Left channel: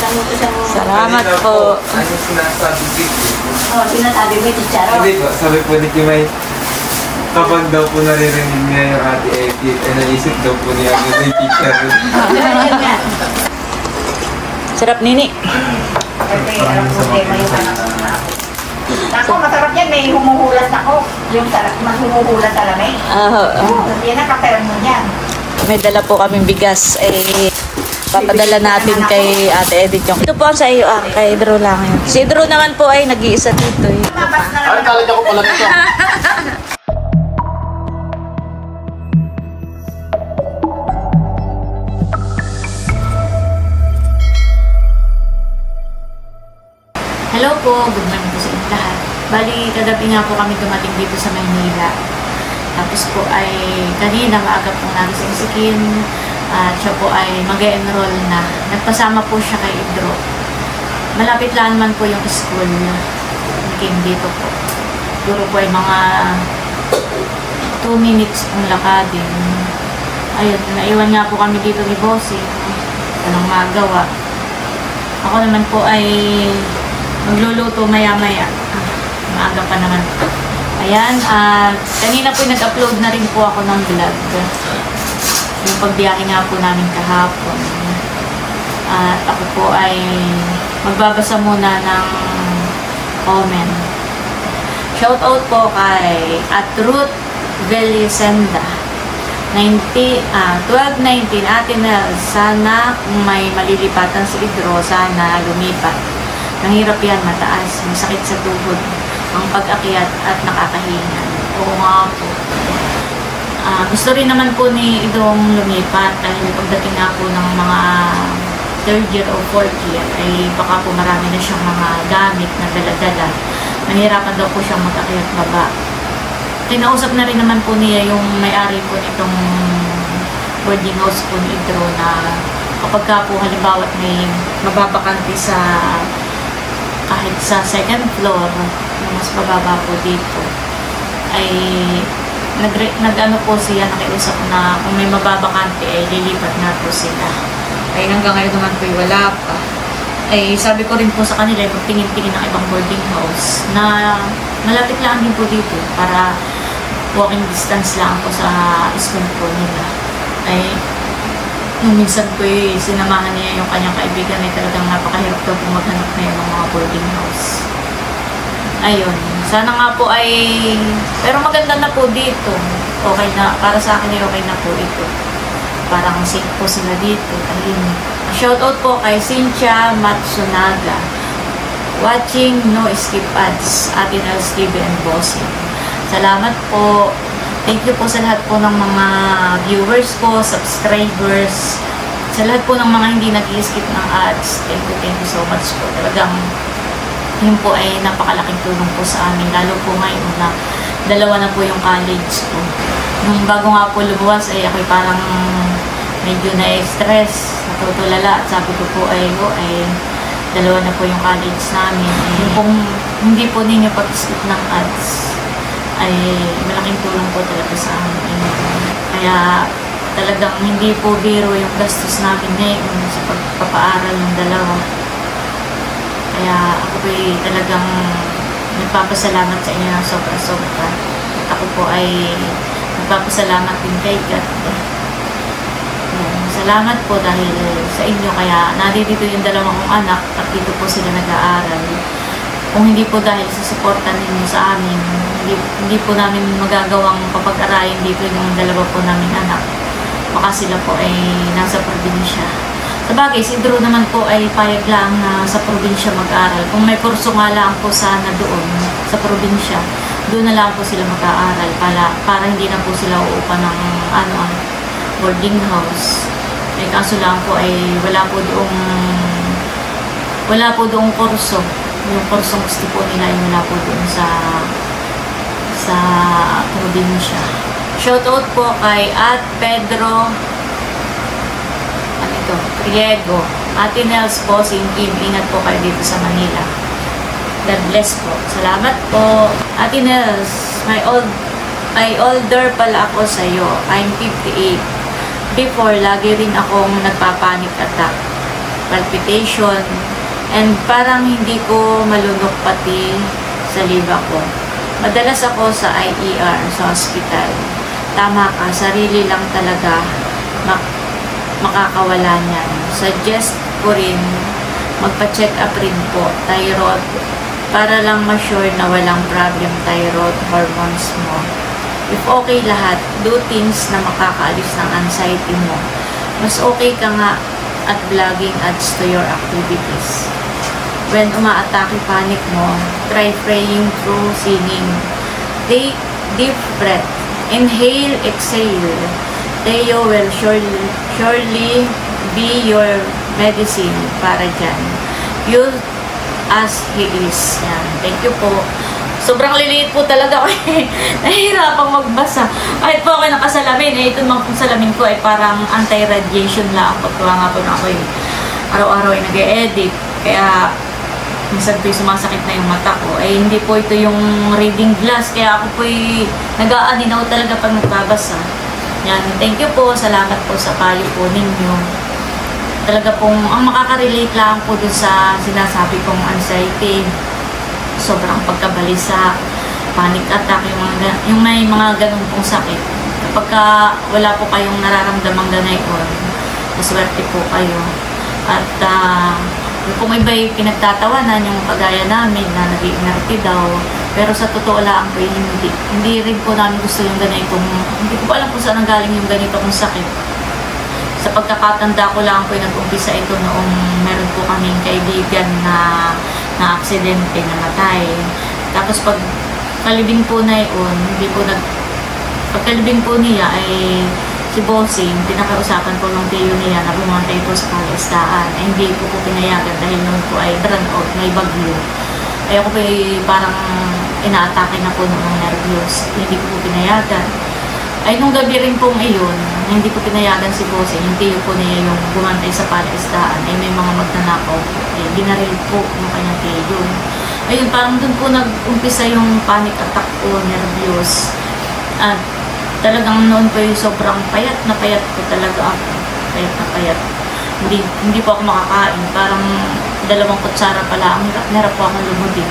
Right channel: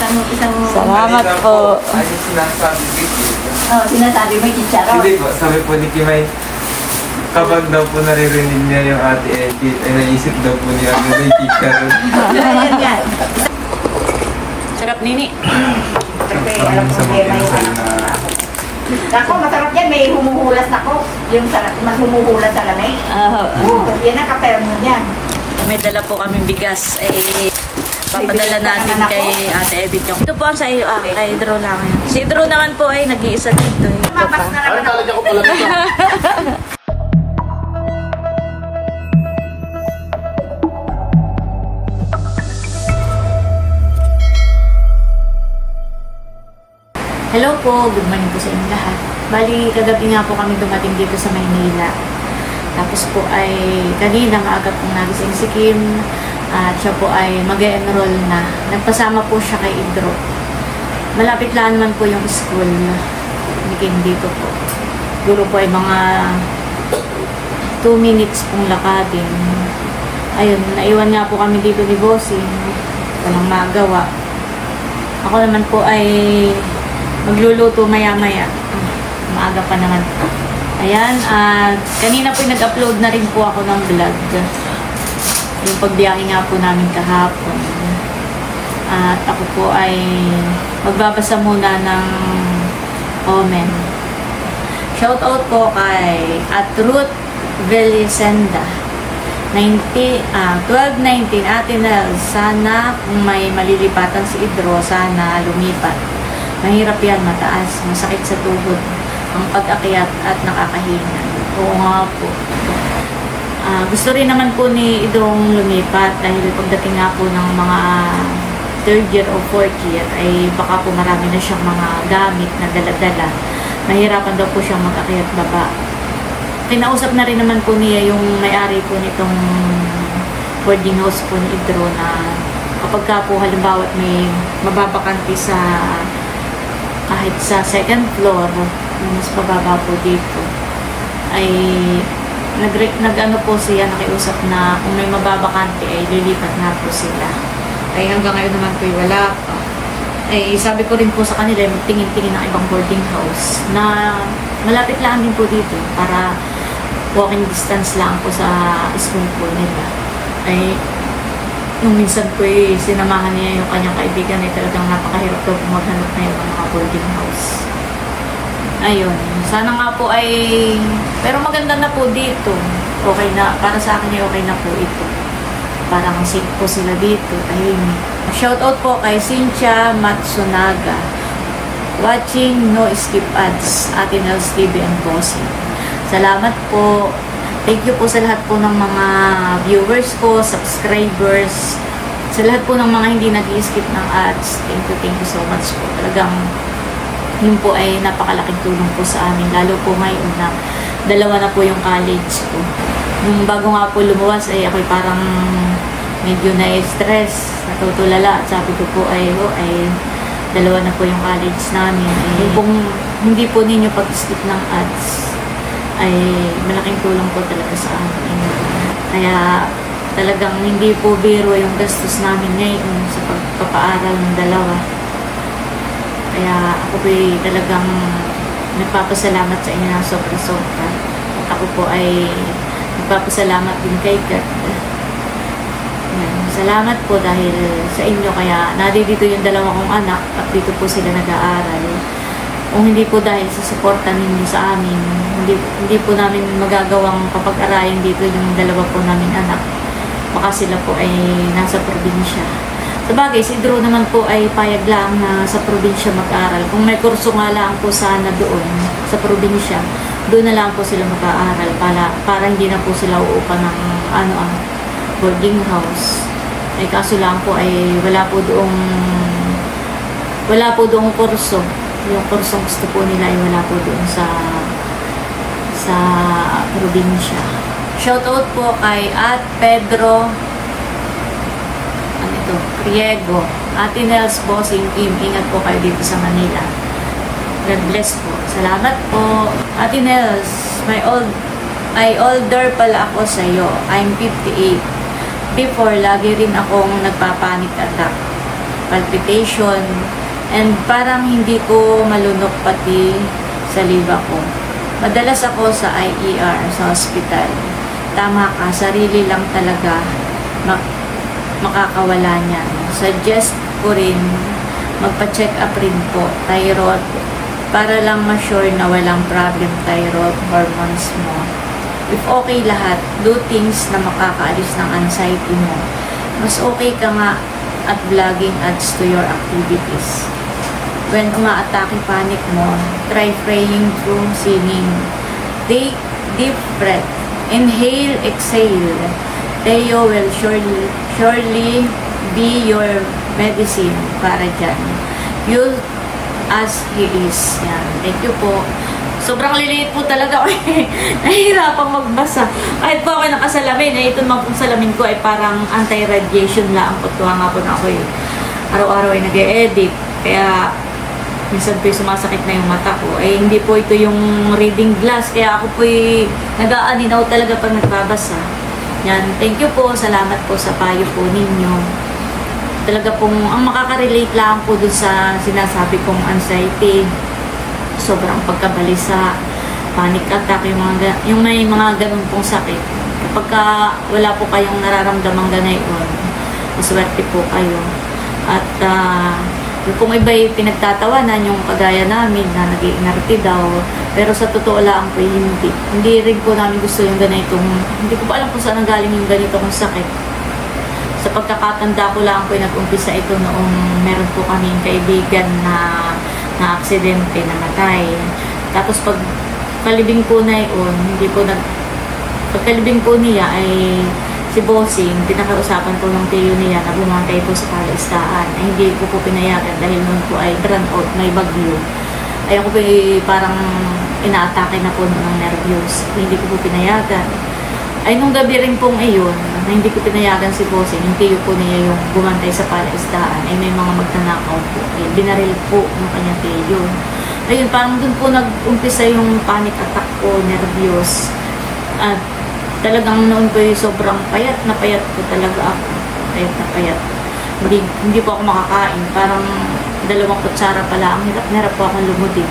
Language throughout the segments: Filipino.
Salamat po. Ano sinasabi dito? Oh, sinasabi mo yung chicharo. Hindi po, sabi po ni Kimay, kapag daw po naririnig niya yung ate Edith, naisip daw po niya yung teacher. Sarap nini. Parang sa mga pinasal na... Ako, masarap yan. May humuhulas ako. Yung sarap, mas humuhulas sa lamay. Yan ang kaperam mo yan. May dala po kaming bigas. Papadala natin kay Ate Edith yung... Ito po ang sa iyo, kay Drew lang yan. Si Drew naman po ay nag-iisa dito. Ito pa. Hello po, good morning po sa inyo lahat. Bali, kagabi nga po kami dumating dito sa Maynila. Tapos po ay kanina maaga pong nagising si Kim. At siya po ay mag-enroll na. Nagpasama po siya kay Idro. Malapit lang man po yung school. Kim dito po. Duro po ay mga 2 minutes pong lakadin. Ayun, naiwan nga po kami dito ni Bossing. Walang magawa. Ako naman po ay magluluto maya-maya. Maaga pa naman. Ayan, kanina po nag-upload na rin po ako ng vlog. Yung pagbiyahe nga po namin kahapon. At ako po ay magbabasa muna ng comment. Shoutout po kay Ruth Velisenda. 1219 Ate Nel, sana kung may malilipatan si Idro, sana lumipat. Mahirap yan, mataas, masakit sa tuhod ang pag-akyat at nakakahinga. Oo nga po. Gusto rin naman po ni Idong lumipat dahil pagdating nga po ng mga 3rd year o 4th year ay baka po marami na siyang mga gamit na dala-dala. Mahirapan daw po siyang mag-akyat baba. Kinausap na rin naman po niya yung may-ari po nitong boarding house po ni Idro na kapag ka po halimbawa may mababakante sa kahit sa 2nd floor, yung mas mababa po dito, ay nag-ano po siya, nakiusap na kung may mababakante, ay lilipat na po sila. Ay hanggang ngayon naman po wala pa. Ay sabi ko rin po sa kanila, magtingin-tingin ng ibang boarding house na malapit lang din po dito para walking distance lang po sa school po nila. Ay yung minsan po sinamahan niya yung kanyang kaibigan ay talagang napakahirap po maghanap na yung mga boarding house. Ayun. Sana nga po ay... Pero maganda na po dito. Okay na. Para sa akin ay okay na po ito. Parang safe po sila dito. Ayun. Shoutout po kay Cynthia Matsunaga. Watching No Skip Ads. Ate Nels TV and Bossing. Salamat po. Thank you po sa lahat po ng mga viewers ko, subscribers, sa lahat po ng mga hindi nag-i-skip ng ads. Thank you so much po. Talagang yun po ay napakalaking tulong po sa amin. Lalo po ngayon na 2 na po yung college ko. Nung bago nga po lumuwas ay ako'y parang medyo na-stress, natutulala. At sabi ko po ay 2 na po yung college namin. Yung pong hindi po ninyo pag-skip ng ads ay malaking tulong po talaga sa amin. Kaya talagang hindi po biro yung gastos namin ngayon sa pagpapaaral ng 2. Kaya ako po talagang nagpapasalamat sa inyo ng sobra-sobra. At ako po ay nagpapasalamat din kay God. Salamat po dahil sa inyo. Kaya nandito yung 2 kong anak at dito po sila nag-aaral. Kung hindi po dahil sa suporta ninyo sa amin, hindi po namin magagawang papag-aralin dito yung 2 po namin anak. Baka sila po ay nasa probinsya. Sabagay, si Drew naman po ay payag lang na sa probinsya mag-aaral. Kung may kurso nga lang po sana doon sa probinsya, doon na lang po sila mag-aaral para hindi na po sila uupa ng boarding house. May kaso lang po ay wala po doong kurso. Yung kursong gusto po nila ay wala po doon sa probinsya. Shoutout po kay At Pedro Riego. Ate Nels, Bossing, Kim, ingat po kayo dito sa Manila. God bless po. Salamat po. Ate Nels, ay older pala ako sa'yo. I'm 58. Before, lagi rin akong nagpapanik attack. palpitation, and parang hindi ko malunok pati sa liba ko. Madalas ako sa IER, sa hospital. Tama ka, sarili lang talaga makakawala niyan. Suggest ko rin, magpa-check up rin po, thyroid, para lang ma-sure na walang problem thyroid hormones mo. If okay lahat, do things na makakaalis ng anxiety mo. Mas okay ka nga at vlogging adds to your activities. When umaatake panic mo, try praying through singing. Take deep breath. Inhale, exhale. Teo will surely be your medicine para dyan. You as he is. Thank you po. Sobrang liliit po talaga ako. Nahihirapang magbasa. Kahit po ako nakasalamin, ito mga pong salamin ko ay parang anti-radiation lang. Pagkawa nga po na ako araw-araw ay nag-e-edit. Kaya minsan po sumasakit na yung mata ko. Ay hindi po ito yung reading glass. Kaya ako po nag-aaninaw talaga pag nagbabasa. Yan. Thank you po. Salamat po sa payo po ninyo. Talaga pong, ang makaka-relate lang po dun sa sinasabi kong anxiety. Sobrang pagkabalisa, panic attack, yung may mga ganun pong sakit. Pagka wala po kayong nararamdamang ganayon, maswerte po kayo. At yung kung iba'y pinagtatawanan, yung kagaya namin na nag-iinarte daw, pero sa totoo lang po, hindi rin po namin gusto yung ganitong, hindi ko po alam kung saan ang galing yung ganitong sakit. Sa pagkakatanda ko lang po, nag-umpisa ito noong meron po kaming kaibigan na aksidente, namatay. Tapos pag kalibin po na yun, pagkalibin po niya ay si Bossing, pinakausapan po ng tiyo niya na bumantay po sa palaistaan. Hindi ko po pinayagan dahil nung po ay run out, may bagyo. Ay ako po parang inaatake na po ng mga nervyos. Hindi ko po pinayagan. Ay nung gabi rin pong iyon, hindi ko pinayagan si Bossing, yung tiyo po niya yung bumantay sa palaistaan. Ay may mga magnanakaw po. Binaril po ng kanyang tiyo. Ayun, parang dun po nag-umpisa yung panic attack ko, nervyos. At talagang noon ko yung sobrang payat ko talaga ako. Payat na payat. Hindi po ako makakain. Parang 2 kutsara pala. Ang hirap po akong lumudin.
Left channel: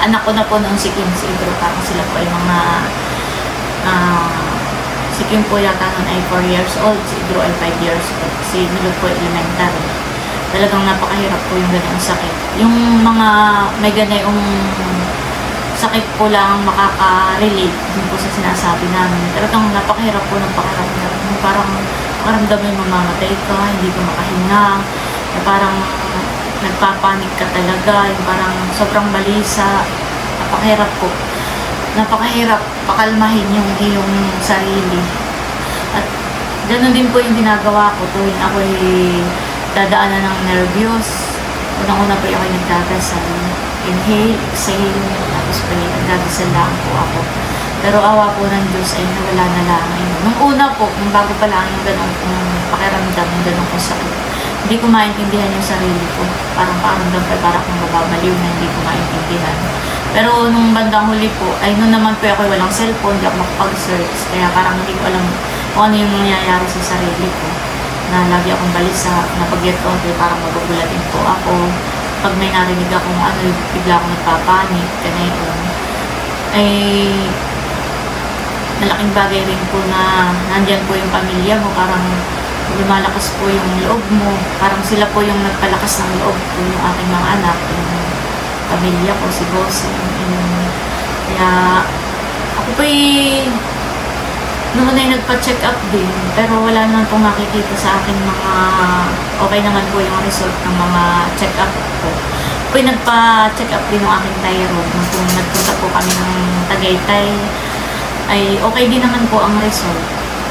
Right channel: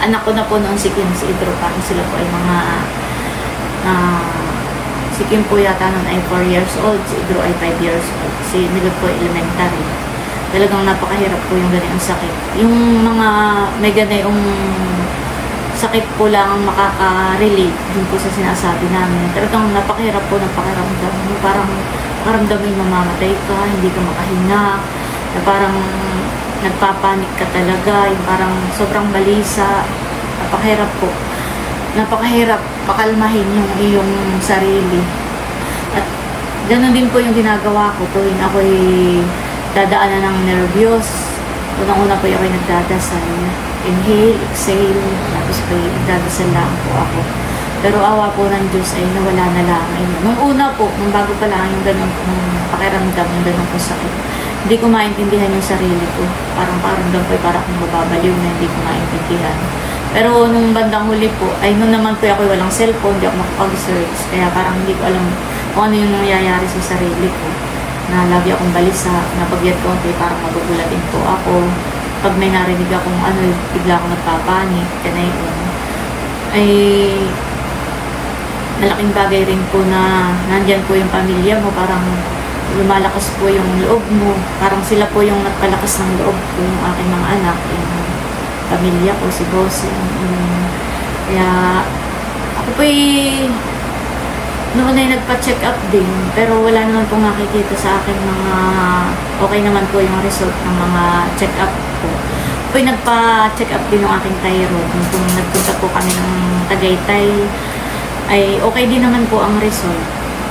Anak ko na po noon si Kim, si Idro. Parang sila po ay mga si Kim po yata noon ay 4 years old. Si Idro ay 5 years old. Si Milot po ay elementary. Talagang napakahirap po yung ganyung sakit. Yung mga may ganayong sakit po lang makaka-relate din po sa sinasabi namin. Talagang napakahirap po ng pakiramdam. Parang pakiramdam mo yung mamamatay ka, hindi ka makahinga, na parang nagpapanik ka talaga, yung parang sobrang balisa. Napakahirap po. Napakahirap pakalmahin yung iyong sarili. At ganoon din po yung ginagawa ko tuwing ako'y dadaanan ng nervyos. Unang-una po yung ako'y nagdadasal. Inhale, exhale, tapos po nagdadasal lang po ako. Pero awa po ng Diyos ay nawala na lang. Nung una po, nung bago pa lang yung ganong pakiramdam, yung ganong sakit, hindi ko maintindihan yung sarili ko. Parang pakiramdam ko para akong mababaliw na hindi ko maintindihan. Pero nung bandang huli po, ay noon naman po ako walang cellphone, hindi ako makapag-search. Kaya parang hindi ko alam kung ano yung nangyayari sa sarili ko. Na lagi akong balisa, na pag-get po, parang magugulatin po ako. Pag may narinig akong ano, bigla akong magpapanik, kanayon. Ay malaking bagay rin po na nandyan po yung pamilya mo, parang lumalakas po yung loob mo. Parang sila po yung nagpalakas ng loob ko, yung aking mga anak, yung pamilya ko, si Bossing. Kaya ako po noon ay nagpa-check up din, pero wala naman pong nakikita sa akin mga okay naman po yung result ng mga check up ko. Ako nagpa-check up din ng aking thyroid. Nung nagpunta po kami ng Tagaytay, ay okay din naman po ang result.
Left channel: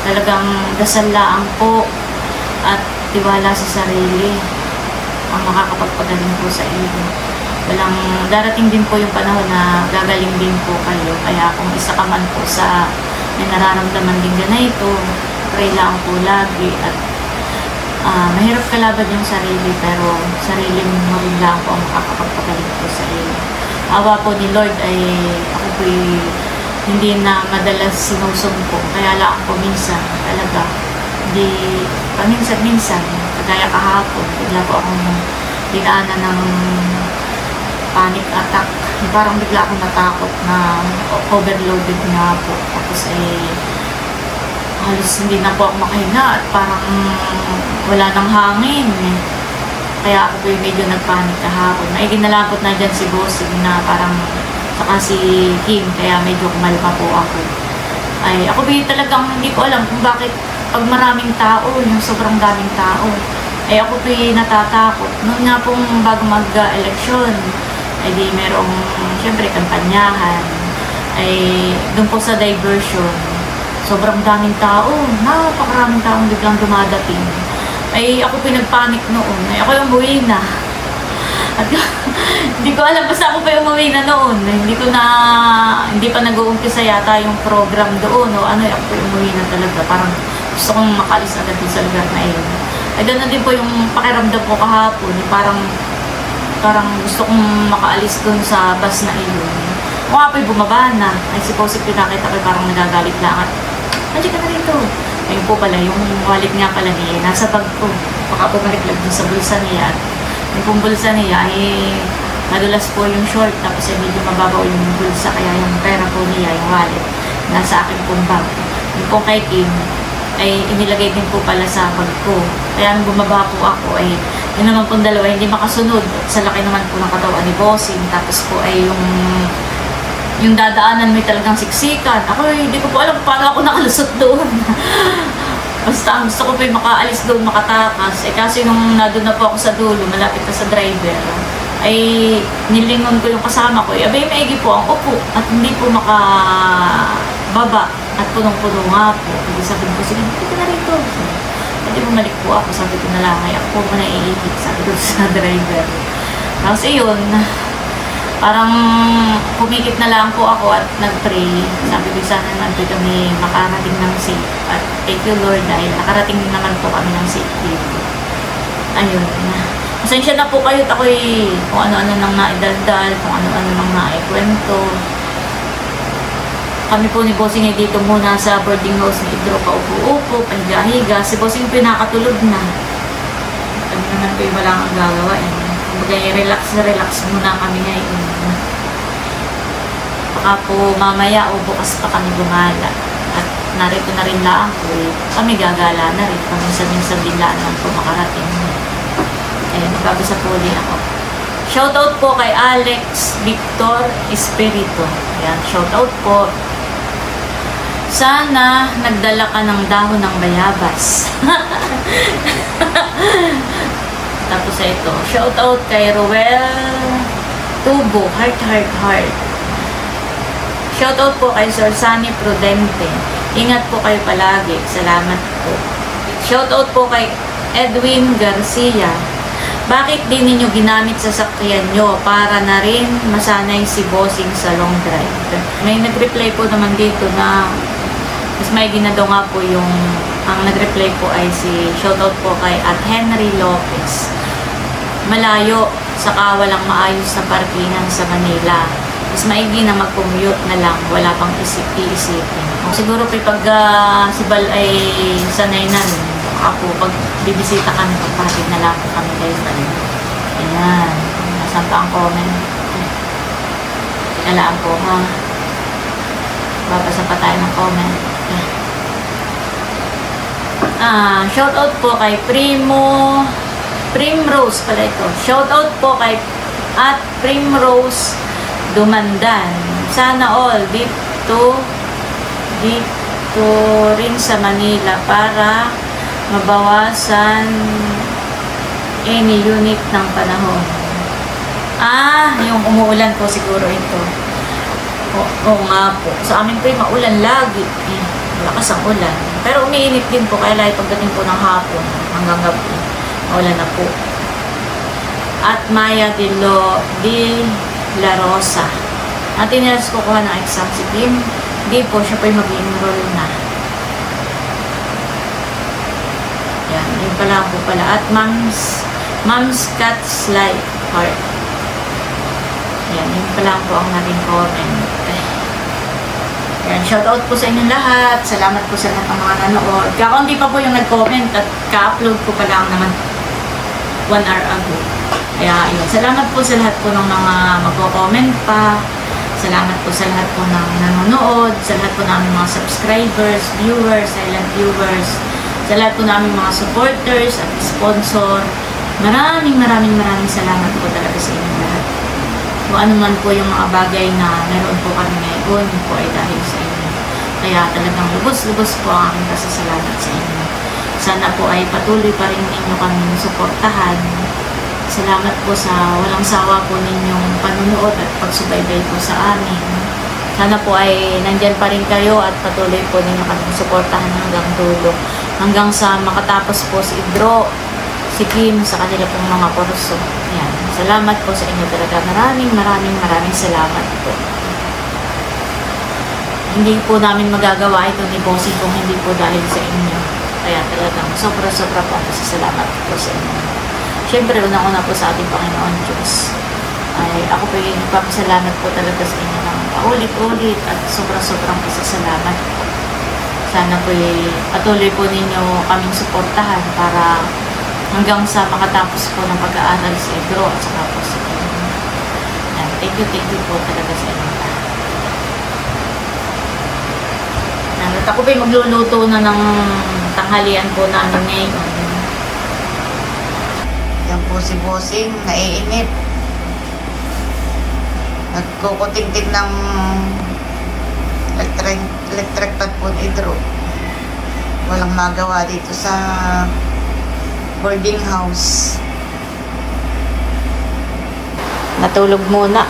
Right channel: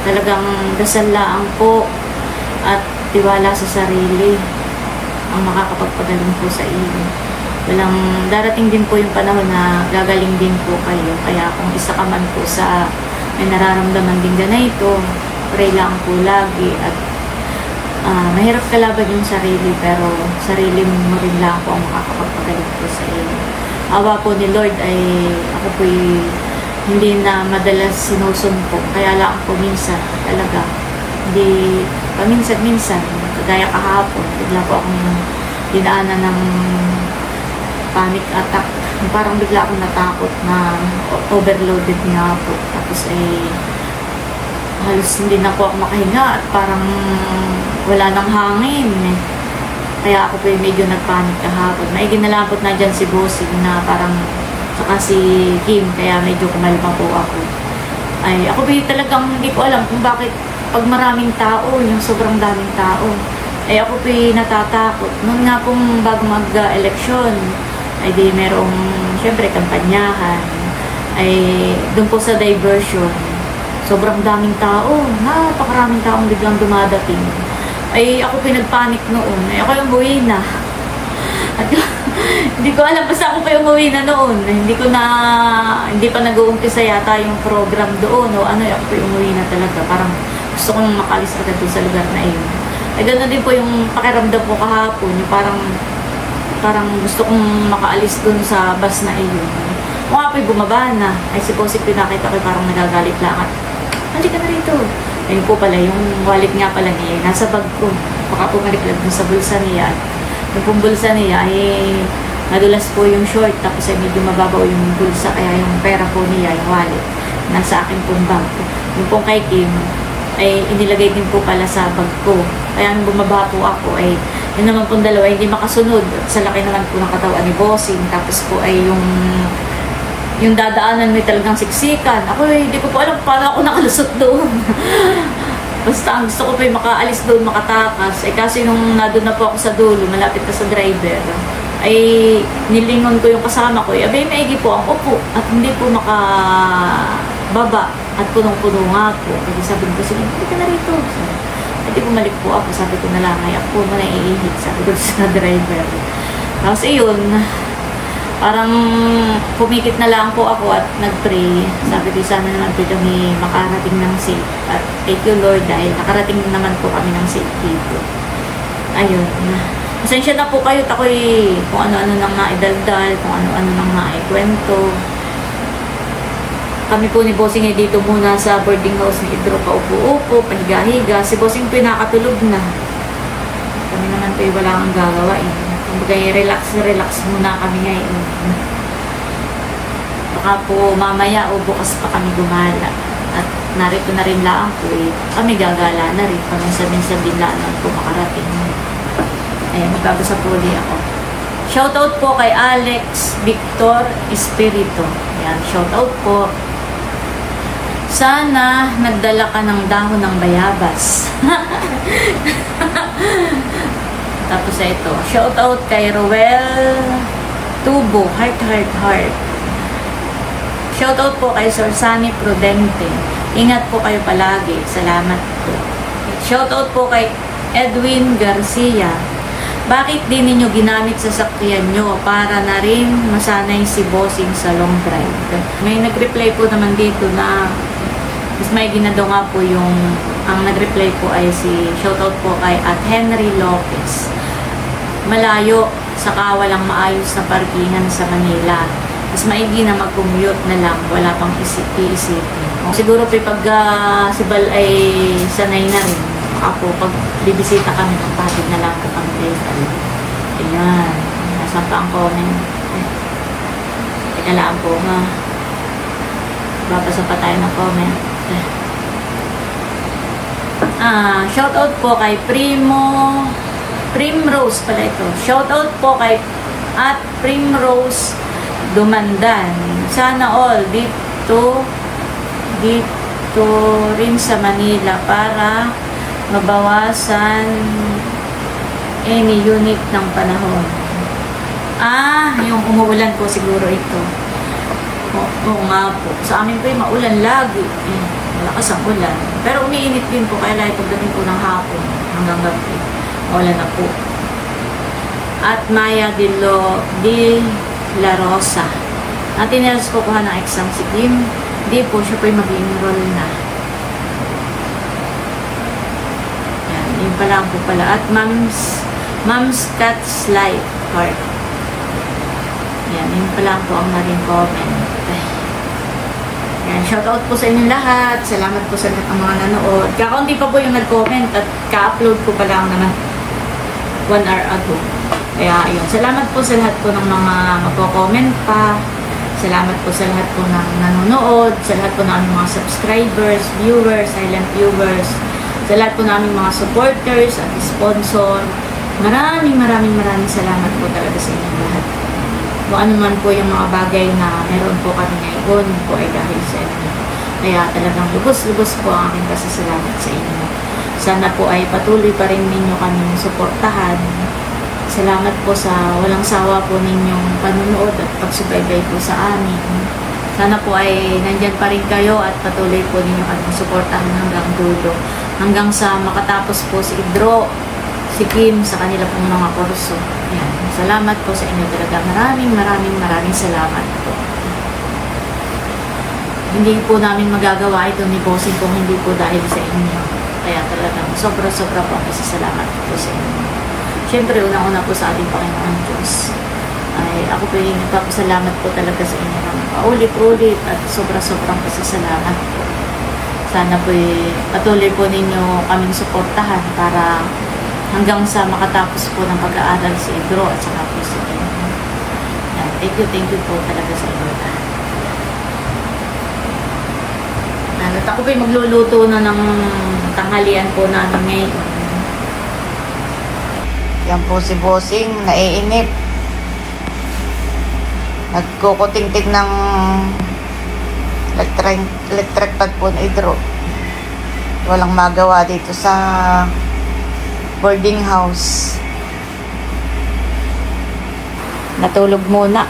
Talagang dasal lang po at tiwala sa sarili ang makakapagpagaling po sa iyo. Walang darating din po yung panahon na gagaling din po kayo. Kaya kung isa ka man po sa may nararamdaman din ganito, pray lang po lagi at mahirap kalaban yung sarili, pero sarili mo rin lang po ang makakapagpagaling po sa iyo. Awa po ni Lord ay ako po hindi na madalas sinusumpo, kaya lang po minsan talaga Di, paminsan-minsan, kagaya kahapon, bigla po akong dinaanan ng panic attack. Parang bigla akong natakot na overloaded nga po. Tapos halos hindi na po ako makahinga at parang wala nang hangin. Kaya ako po yung medyo nagpanik kahapon. May ginalabot na dyan si Bossing na parang saka si Kim, kaya medyo kumalma po ako. Ay, ako po talagang hindi ko alam kung bakit pag maraming tao, yung sobrang daming tao, ay ako po natatakot. Noon nga pong bago mag-eleksyon, ay di merong, siyempre, kampanyahan, ay doon po sa diversion, sobrang daming tao, napakaraming taong biglang dumadating. Ay ako pinagpanik noon, ay ako yung umuwi na. At hindi ko alam, basta ako pa yung umuwi na noon. Hindi pa nag-uumpisa yata yung program doon, o ano, ako pa yung umuwi na talaga. Parang gusto kong makalis agad sa lugar na yun. Ay ganoon din po yung pakiramdam ko kahapon, parang gusto kong makaalis doon sa bus na iyon. Kung ako'y bumaba na, ay si Posik pinakita ko parang nagagalit na. Hindi ka na rito. Ayun po pala, yung wallet nga pala niya, nasa bag ko. Baka bumalik lang dun sa bulsa niya. Yung pong bulsa niya ay madulas po yung short, tapos ay medyo mababaw yung bulsa, kaya yung pera po niya, yung wallet, nasa akin pong bag. Yung pong kay Kim, ay inilagay din po pala sa bag ko. Kaya nung bumaba po ako, ay yun naman pong dalawa, hindi makasunod. At sa laki naman po ng katawan ni Bossing, tapos po ay yung dadaanan may talagang siksikan. Ako hindi ko po alam paano ako nakalusot doon. Basta ang gusto ko po yung makaalis doon, makatakas. Kasi nung nandun na po ako sa dulo, malapit na sa driver, ay nilingon ko yung kasama ko. Abay, maigi po ang upo at hindi po makababa at punong-puno nga po. Kasi sabi ko, sige, hindi ka na rito. Hindi bumalik po ako. Sabi ko na lang, ay ako mo na iihit. Sabi ko sa driver. Tapos ayun, parang pumikit na lang po ako at nag-pray. Sabi ko sana natin kami makarating ng safe. At thank you Lord dahil nakarating naman po kami ng safe dito. Ayun. Pasensya na po kayo at ako'y kung ano-ano nang naidaldal, kung ano-ano nang naikwento. Kami po ni Bossing ay dito muna sa boarding house ni Pedro, paupo-upo, pahiga-higa. Si Bossing pinakatulog na. Kami naman po wala kang gagawain. Kumbaga, relax muna kami ngayon. Baka po mamaya o bukas pa kami gumala. At narito na rin lang po, kami gagala na rin. Kung minsan-minsan din lang po makarating. Magbabasa po ulit ako. Shoutout po kay Alex Victor Espirito. Yan, shoutout po. Sana nagdala ka ng dahon ng bayabas. Tapos ito, shoutout kay Roel Tubo, heart. Shoutout po kay Sir Sunny Prudente. Ingat po kayo palagi. Salamat po. Shoutout po kay Edwin Garcia. Bakit di ninyo ginamit sa sakyan nyo para na rin masanay si Bossing sa long drive? May nag-reply po naman dito na mas may ginadaw nga po yung ang nag-reply po ay si shoutout po kay at Henry Lopez. Malayo, saka walang maayos na parkingan sa Manila. Mas maigi na mag-commute na lang, wala pang iisipin. Siguro po pag si Bal ay sanay na rin. Ako, pag bibisita kami, pagpasig na lang po kami dito. Ayan, nasa pa ang comment. Teka lang po ha. Babasa pa tayo ng comment. Shoutout po kay Primrose pala ito. Shoutout po kay at Primrose Dumandan. Sana all dito rin sa Manila para mabawasan any unit ng panahon. Yung umuulan po siguro ito. Oo nga po. Sa amin po maulan lagi. Malakas ang ulan. Pero umiinit din po kaya pagdating po ng hapon hanggang gabi. Maulan na po. At Maya de La Rosa. Ang tinilas ko kuha ng exam si Kim. Hindi po, siya po yung mag-enroll na. Yan, yun pala po pala. At Mom's Cat's Life Heart. Yan, yun pala po ang naring comment. Yan, shoutout po sa inyo lahat. Salamat po sa lahat ng mga nanood. Kakaunti pa po yung nag-comment at ka-upload ko pa lang naman 1 hour ago. Kaya yun, salamat po sa lahat po ng mga magko-comment pa. Salamat po sa lahat po ng nanonood, sa lahat po namin mga subscribers, viewers, silent viewers, sa lahat po namin mga supporters at sponsor. Maraming salamat po talaga sa inyo lahat. Kung ano man po yung mga bagay na meron po kami ngayon, po ay dahil sa inyo. Kaya talagang lubos-lubos po ang aking pasasalamat sa inyo. Sana po ay patuloy pa rin ninyo kami suportahan. Salamat po sa walang sawa po ninyong panunood at pagsubaybay po sa amin. Sana po ay nandyan pa rin kayo at patuloy po ninyo kami suportahan hanggang dulo. Hanggang sa makatapos po si Idro, si Kim sa kanila pong mga kurso. Yan. Salamat po sa inyo talaga. Maraming salamat po. Hindi po namin magagawa ito ni Bossing kung hindi po dahil sa inyo. Kaya talagang sobra po ang pasasalamat po sa inyo. Siyempre, unang-una po sa ating Panginoon Diyos. Ay, ako po yung nagpapasalamat po talaga sa inyo ng paulit-ulit at sobrang pasasalamat po. Sana po patuloy po ninyo kaming suportahan para hanggang sa makatapos po ng pag-aaral si Idro at saka po si Kim. Thank you po talaga sa inyo. At ako po magluluto na ng tanghalian po namin ngayon. Yan po si Bossing, naiinip. Nagkukuting-ting ng electric pad po ni Idro. Walang magawa dito sa boarding house. Natulog muna.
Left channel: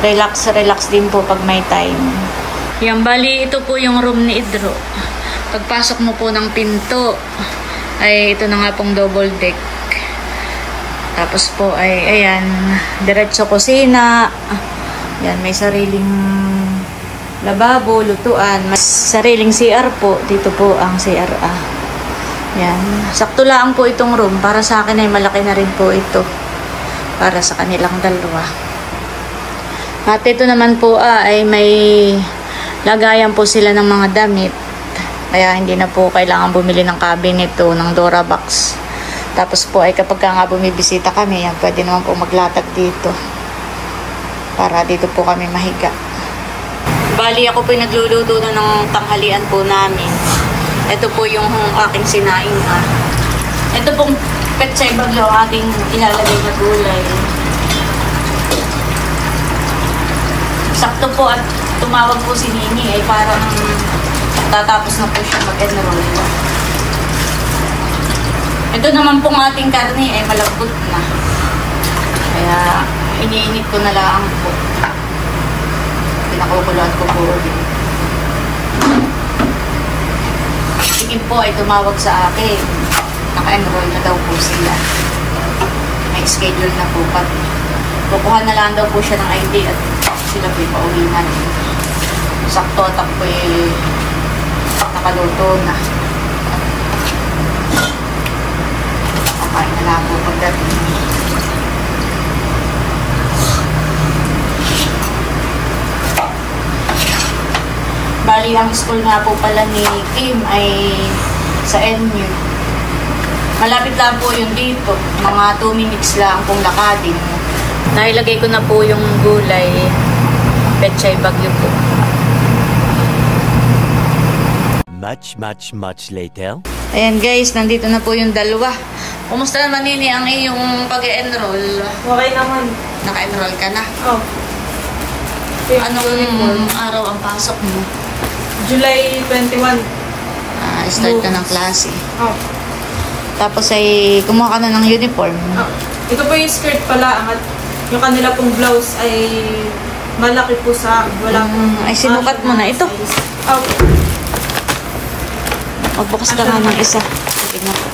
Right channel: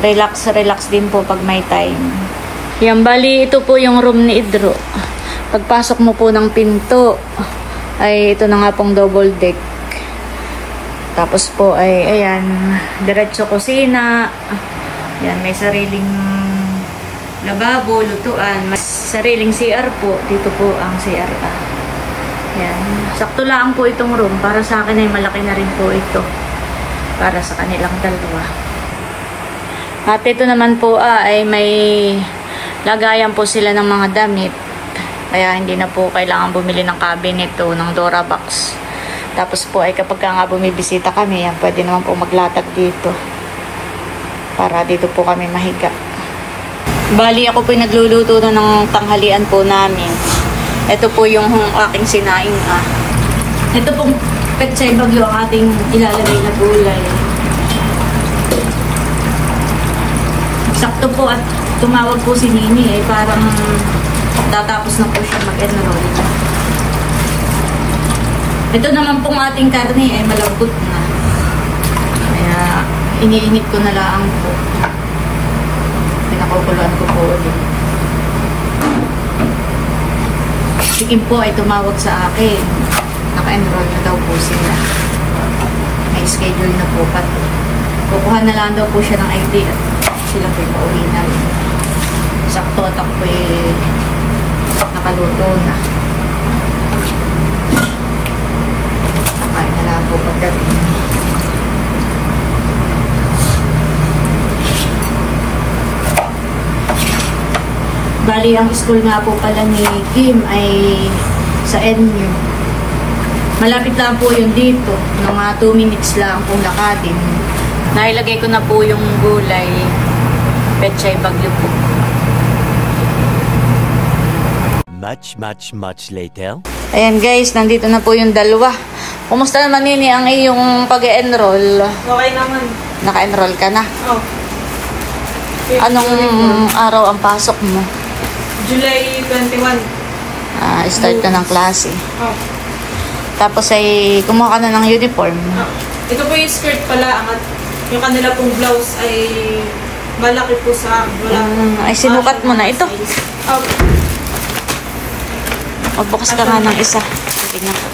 Relax din po pag may time. Yan, bali ito po yung room ni Idro. Pagpasok mo po ng pinto, ay ito na nga pong double deck. Tapos po ay, ayan, diretso kusina. Yan, may sariling lababo, lutuan. May sariling CR po. Dito po ang CR. Yan. Sakto lang po itong room. Para sa akin ay malaki na rin po ito. Para sa kanilang dalawa. At ito naman po ay may lagayan po sila ng mga damit. Kaya hindi na po kailangan bumili ng cabinet o ng Dora box. Tapos po ay kapag nga bumibisita kami, yan, pwede naman po maglatag dito. Para dito po kami mahiga. Bali ako po nagluluto na ng tanghalian po namin. Ito po yung aking sinaing. Ito pong pechay bagyo ang ating ilalagay na gulay. Sakto po at tumawag po si Nini ay parang tatapos na po siya mag-enroll. Ito naman pong ating karne ay malambot na. Kaya iniinit ko na lang po. Pinakukuluan ko po ulit. Si Kim po ay tumawag sa akin. Naka-enroll na daw po sila. May schedule na po pati. Kukuha na lang daw po siya ng ID at sila po yung pauwi namin. Sakto at ako nakaluto na. Nakain na lang po pagdating. Bali, ang school nga po pala ni Kim ay sa NU. Malapit lang po yun dito. Mga 2 minutes lang pong lakadin. Nailagay ko na po yung gulay. Pechay bagyo po. Much later. Ayan guys, nandito na po yung dalawa. Kumusta naman Nini ang iyong pag-enroll? Okay naman. Naka-enroll ka na? Oh. Anong araw ang pasok mo? July 21. Start ka ng klase. Oh. Tapos ay kumuha ka na ng uniform. Oh. Ito po yung skirt pala. At yung kanila pong blouse ay malaki po sa wala. Ay sinukat mo na ito. Oh. Magbukas ka nga ng isa. Tignan ko.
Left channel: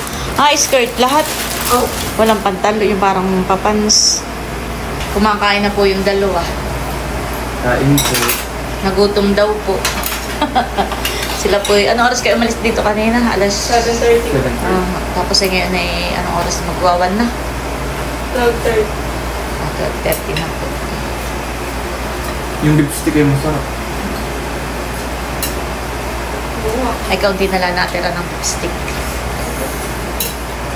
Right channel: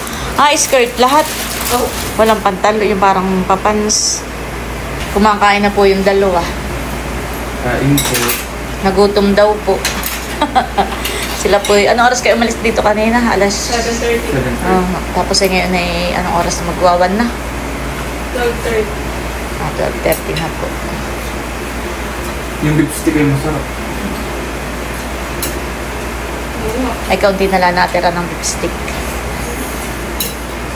Skirt lahat. Oh. Walang pantalo, yung parang papans. Kumakain na po yung dalawa. Kain po. Nagutom daw po. Sila po, anong oras kayo umalis dito kanina? Alas 7:30. Tapos ay ngayon ay anong oras magwawan na? 12:30. 12:30 na po. Yung lipstick ay masarap. Ay, kaunti na lang natira ng lipstick.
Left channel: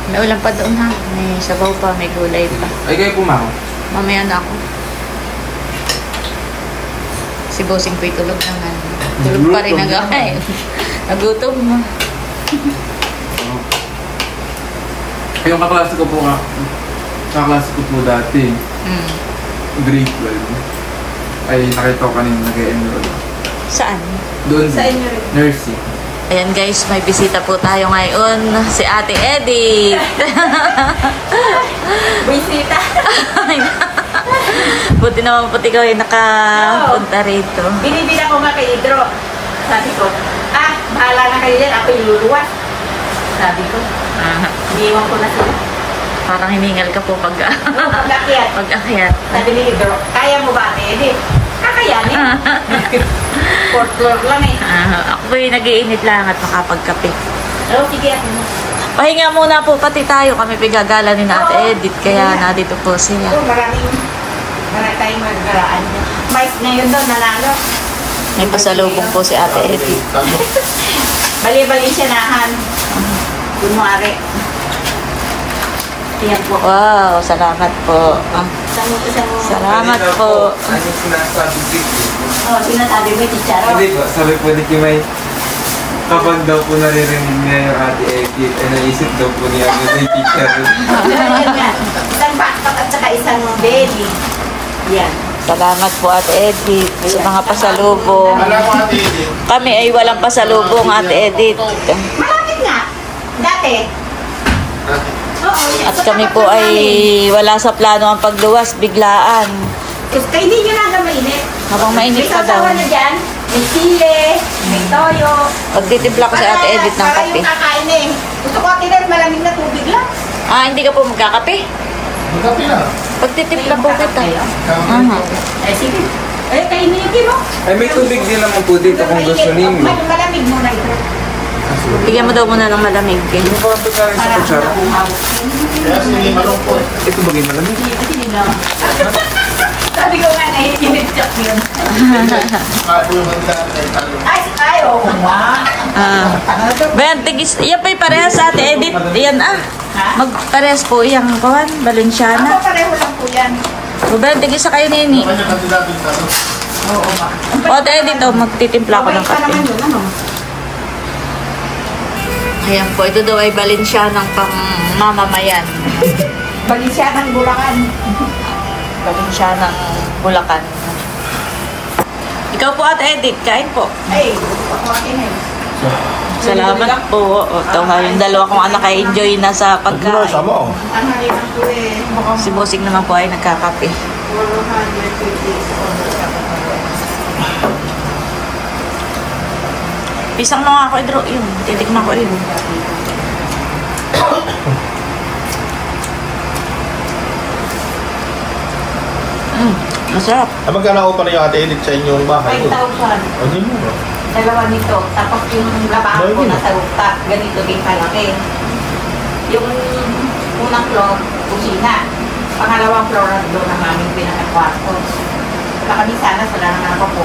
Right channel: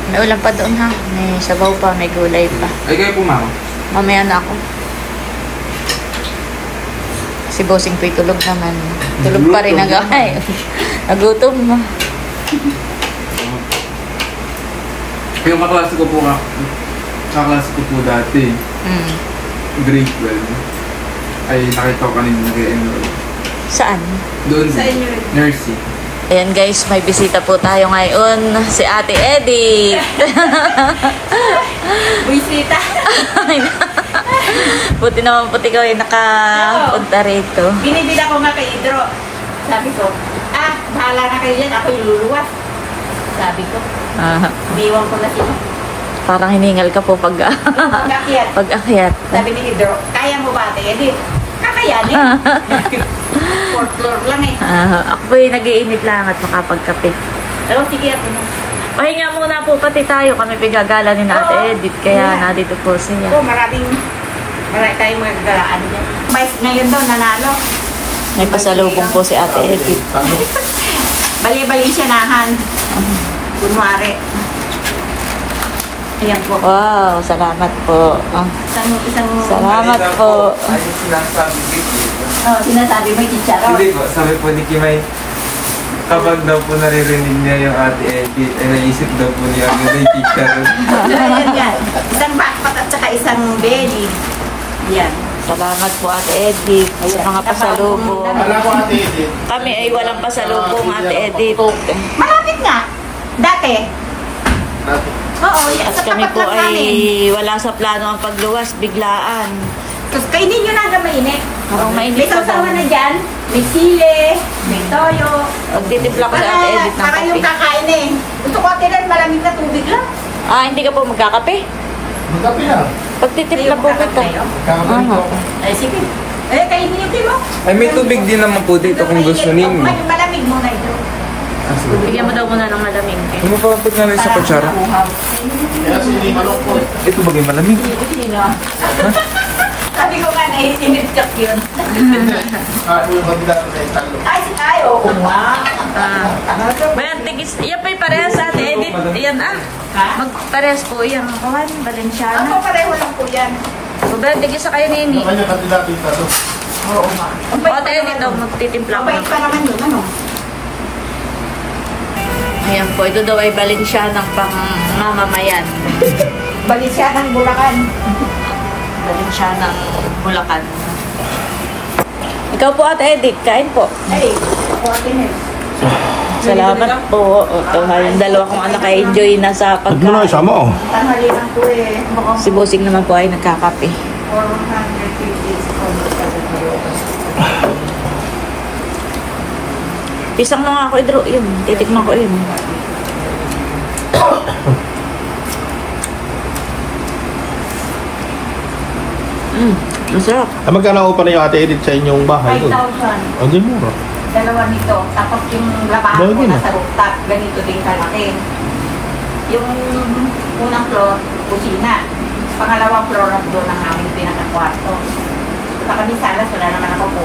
May ulam pa doon ha. May sabaw pa, may gulay pa. Ay, kayo kumako. Mamaya na ako. Si Bossing po'y tulog naman. Tulog pa rin hanggang ay. Nagutom mo. Yung kaklase ko po dati, grade 12, ay nakita ko kanina nag-enroll. Saan? Doon, Sa inyo rin. nursing. Ayan guys, may bisita po tayo ngayon. Si Ate Edith. Bisita. Buti naman puti ko ay nakapunta rito. Binibila ko nga kay Idro. Sabi ko, bahala na kayo yan. Ako iluluwas. Sabi ko, Ah, iniwan ko na sila. parang hiningal ka po pag Pag-akyat. pag-akyat. Sabi ni Idro, kaya mo ba, Ate Edith? Kakayanin. Fourth floor lang eh. Ako po'y nag-iinit lang at makapagkape. Oh, sige ako. Pahinga muna po pati tayo. Kami pigagala ni na Ate Edith. Kaya nandito po siya. Oh, marami tayong magdaraan niya. Mais ngayon daw, nanalo. May pasalubong po si Ate Edith. Bali-bali siya nahan. Kunwari. Ayan po. Wow, salamat po. Isang Salamat po. Ano sinasabi dito? sinasabi mo yung chicharo. Hindi po, sabi po ni Kimay, kapag daw po naririnig niya yung Ate Edith, ay naisip daw po niya yung teacher. Yan. Isang backpack at saka isang belly. Yan. Salamat po Ate Edith sa mga pasalubong. Kami ay walang pasalubong Ate Edith. Maraming nga. Dati. Oo, yan. At Sa kami tapat po lang ay namin. wala sa plano ang pagluwas, biglaan. Tapos kainin nyo na hanggang mainit. Habang May mainit pa daw. sasawa na dyan. May sile. May toyo. Magtitimpla ko sa Ate Edith ng Para kape. yung kakain eh. Gusto ko Ate Edith, malamig na tubig lang. Hindi ka po magkakape? Magkapi na. Pagtitimpla po kita. Aha. Sige. Kainin yung kimo. Ay, may tubig din naman po dito kung gusto ninyo. Malamig mo na ito. Bigyan mo daw muna ng malamig. Ano po ang pagkain sa kutsara? Kaya sige, malungkot. Ito bagay malamig. Sabi ko nga na init-chok yun. Kapo yung bagla ng talo. Ay, oo nga. Bayan, tigis. Yan pa yung parehas sa Ate Edith. Yan Magparehas po yung kawan, Balenciana. Ako pareho lang po yan. Bayan, tigis sa kayo nini. Kanya kandidato yung talo. Oo nga. O Ate Edith, magtitimpla ko ng Pa kape. naman yun, ano? Ayan po, ito daw ay Balenciana ng pang mamamayan. Balisya ng Bulacan. Balenciana, Bulacan. Ikaw po Ate Edith, kain po. Ay, ako akin eh. Salamat po. O, ito ha, yung dalawa kong anak ay enjoy na sa pagkain. Tanghali lang po eh. Mukhang Si Bossing naman po ay nagkakape. 450. Pisang mo nga ako, Idro. Yun, titikman ko yun. Masarap. Magkano ko pala yung Ate Edith sa inyong bahay? 5,000. Hindi mo. Dalawa nito. Tapos yung labahan ko nasa rooftop. Ganito din kalaki. Yung unang floor, kusina. Pangalawang floor na doon ang aming pinakakwarto. Sa kami sana, wala naman ako po.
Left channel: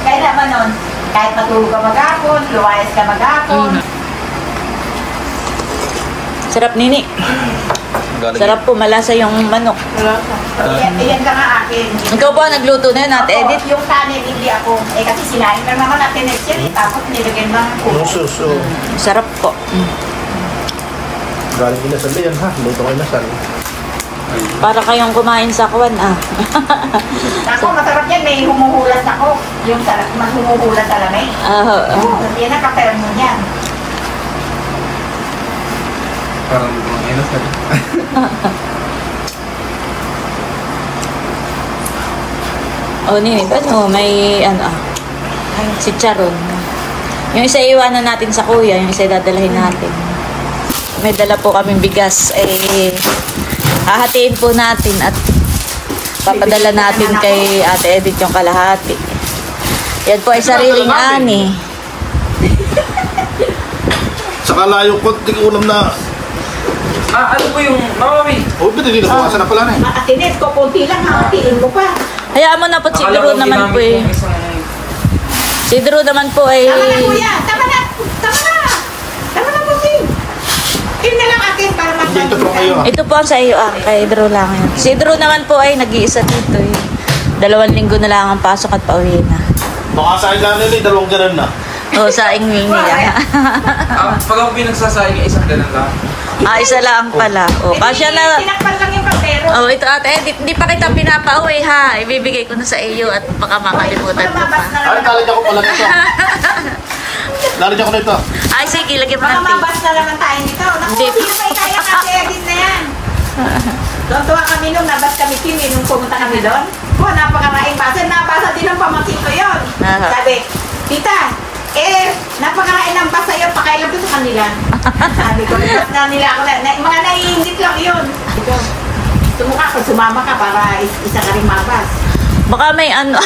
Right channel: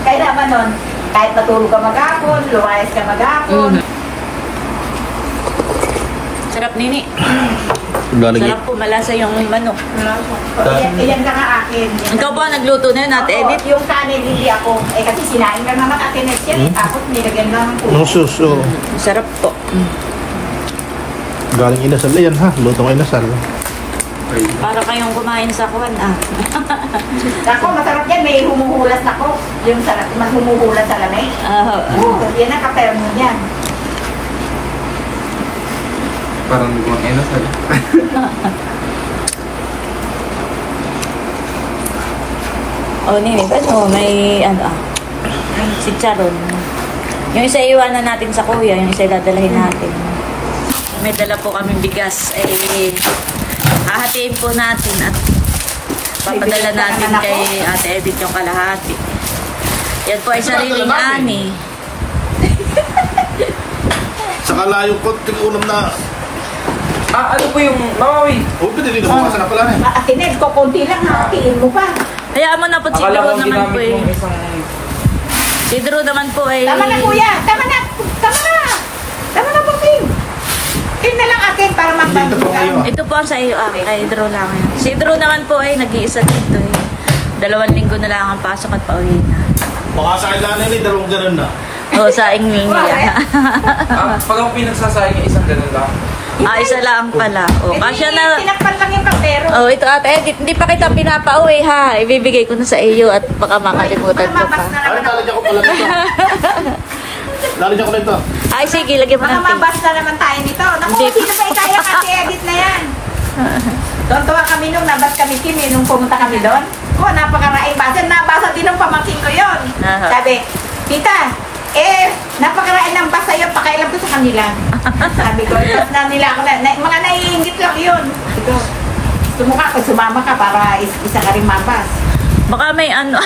Kaya naman nun, kahit matulog ka maghapon, luwayas ka maghapon. Sarap nini. Sarap po, malasa yung manok. Iyan ka nga akin. Ikaw po ang nagluto na yun, Ate Oo, Edith. yung kanin, hindi ako. Kasi sinain ka naman natin next year. Tapos nilagyan lang po. Musus. Sarap po. Galing inasal yan ha. Lutong inasal. Para kayong kumain sa kwan, Ako, masarap yan. May humuhulas ako. Yung sarap, mas humuhulas sa lamay. Yan ang kaperam mo yan. Parang mga kain na sabi. Nini, ba't mo may si Charon. Yung isa iwanan natin sa kuya, yung isa dadalahin natin. May dala po kaming bigas. Hahatiin po natin at papadala natin kay Ate Edith yung kalahati. Yan po ay sariling ani. Saka layo ko, di ko ulam na. Ano po yung mawawi? O, pwede din bukasan na pala na eh. Atinid ko, kunti lang. Hatiin ko pa. Hayaan mo na po siguro naman po eh. Si Drew naman po ay... Tama na kuya! Tama na! Tama na! Tama na po, Tim! Tim na lang atin para Dito po kayo. Ito po ang sa iyo, kay Drew lang yan. Si Drew naman po ay nag-iisa dito eh. 2 linggo na lang ang pasok at pauwi na. Baka sa ilan nila, 2 ganun na. O, sa ingning niya. Pag ako pinagsasayang isang ganun lang. Isa lang pala. O, kasya na... Tinakpan lang yung kaldero. Oh, ito ate Edith, hindi pa kita pinapauwi ha. Ibibigay ko na sa iyo at baka makalimutan ko pa. Mamabas na Ay, naman ako. lalagyan ko pala nito. Lalagyan ko nito. Ay, sige, lagyan mo ng tape. Mamabas na naman tayo dito. Naku, Hindi. kaya kasi edit na yan. Tuwa kami nung nabas kami, Kim, nung pumunta kami doon. Napakaraing basa. Nabasa din ng pamangkin ko yun. Aha. Sabi, tita, napakaraing ng basa yun, pakailan ko sa kanila. Sabi ko, na nila ako, mga naiingit lang yun. Tumukha ko, sumama ka para isa ka rin mabas. Baka may ano.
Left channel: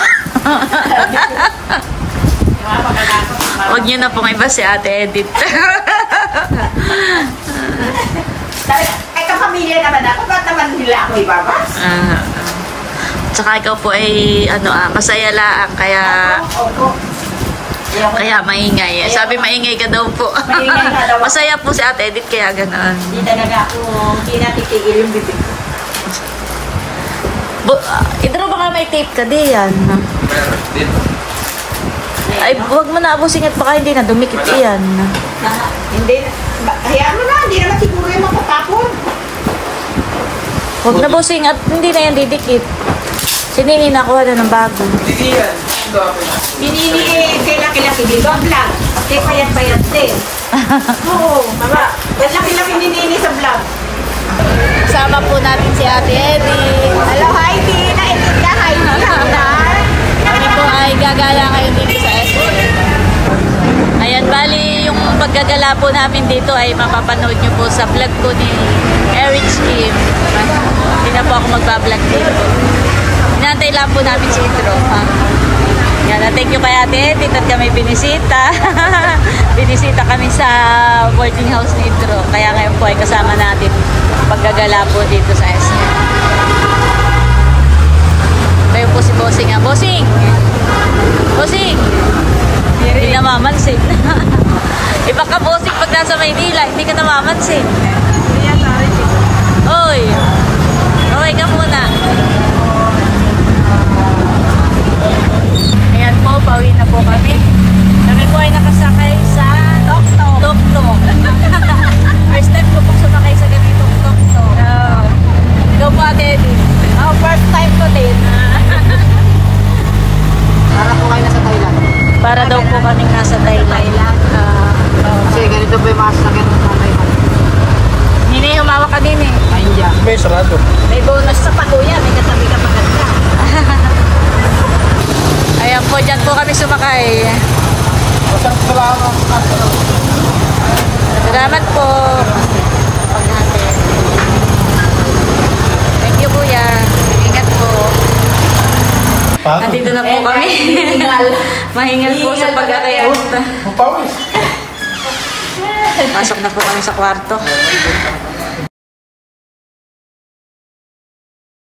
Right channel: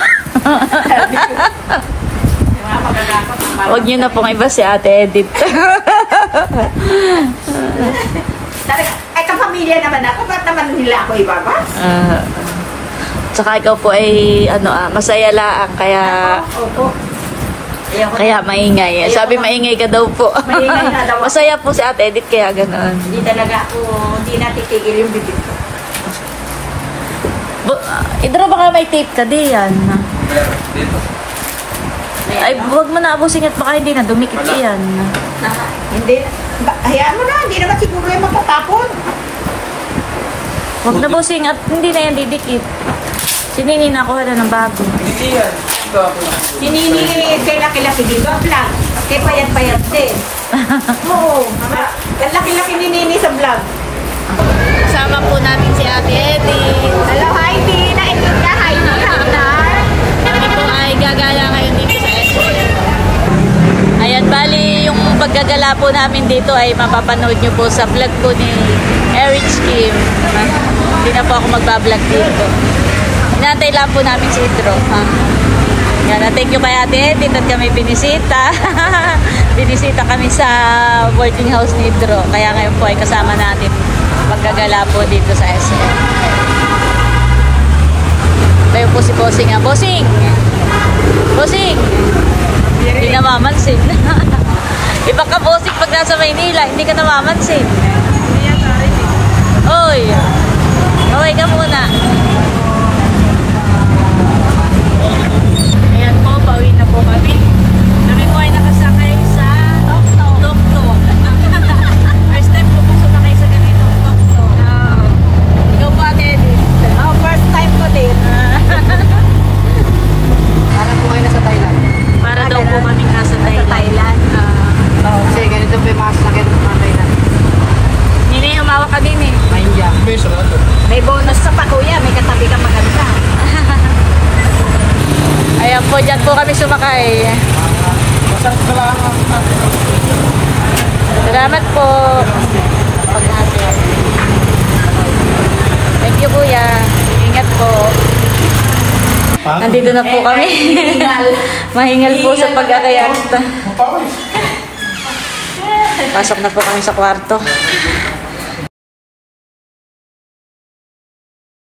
Huwag niyo na pong iba si Ate Edith. Sabi, kapamilya naman ako, ba't naman nila ako ibabas? Tsaka ikaw po ay masaya laang kaya Opo. kaya maingay. Sabi maingay ka daw po. Maingay na daw ako. Masaya po si Ate Edith kaya ganoon. Hindi talaga ako, hindi natitigil yung bibig ko. Idro baka may tape ka di yan. Dito. Ay, huwag mo na abusin at baka hindi na dumikit iyan. Hindi, hayaan mo na, hindi naman siguro yung matatapon. Huwag na busing at hindi na yan didikit. Si Nini nakuha na ng bago. Hindi yan. Ito ako. Sinini, kailan-kailan, sige, vlog lang. Kasi payat-payat din. Oo, mama. Laki-laki ni Nini sa vlog. Kasama po natin si Ate Edith. Hello, Heidi. Nainit ka, Heidi. Kami po ay gagala ngayon dito sa SM. Ayan, bali yung paggagala po namin dito ay mapapanood nyo po sa vlog po ni Eric Kim. Hindi na po ako magbablog dito. Inantay lang po namin si Idro. Yan, thank you kay Ate Edith at kami binisita. Binisita kami sa boarding house ni Idro. Kaya ngayon po ay kasama natin paggagala po dito sa SM. Bayo po si Bossing. Bossing! Bossing! Hindi namamansin. Iba ka, Bossing, pag nasa Maynila, hindi ka namamansin. Oy! Okay ka muna. Ayan po, pauwi na po kami. Kami po ay nakasakay sa Tok-Tok. First time ko po sumakay sa ganitong Tok-Tok. Ikaw po, Ate Edith. First time ko din. Para po kayo nasa Thailand. Para daw po kaming nasa Thailand. Kasi ganito po yung mga sasakyan ng mga Thailand. Hindi humawak ka din eh. Mahinja. May sarado. May bonus sa pakuya, may katabi ka maganda. Ayan po, dyan po kami sumakay. Salamat po. Paghahatid. Thank you, Kuya. Ingat po. Nandito na po kami. Mahingal po sa pag-akayalta. Pasok na po kami sa kwarto.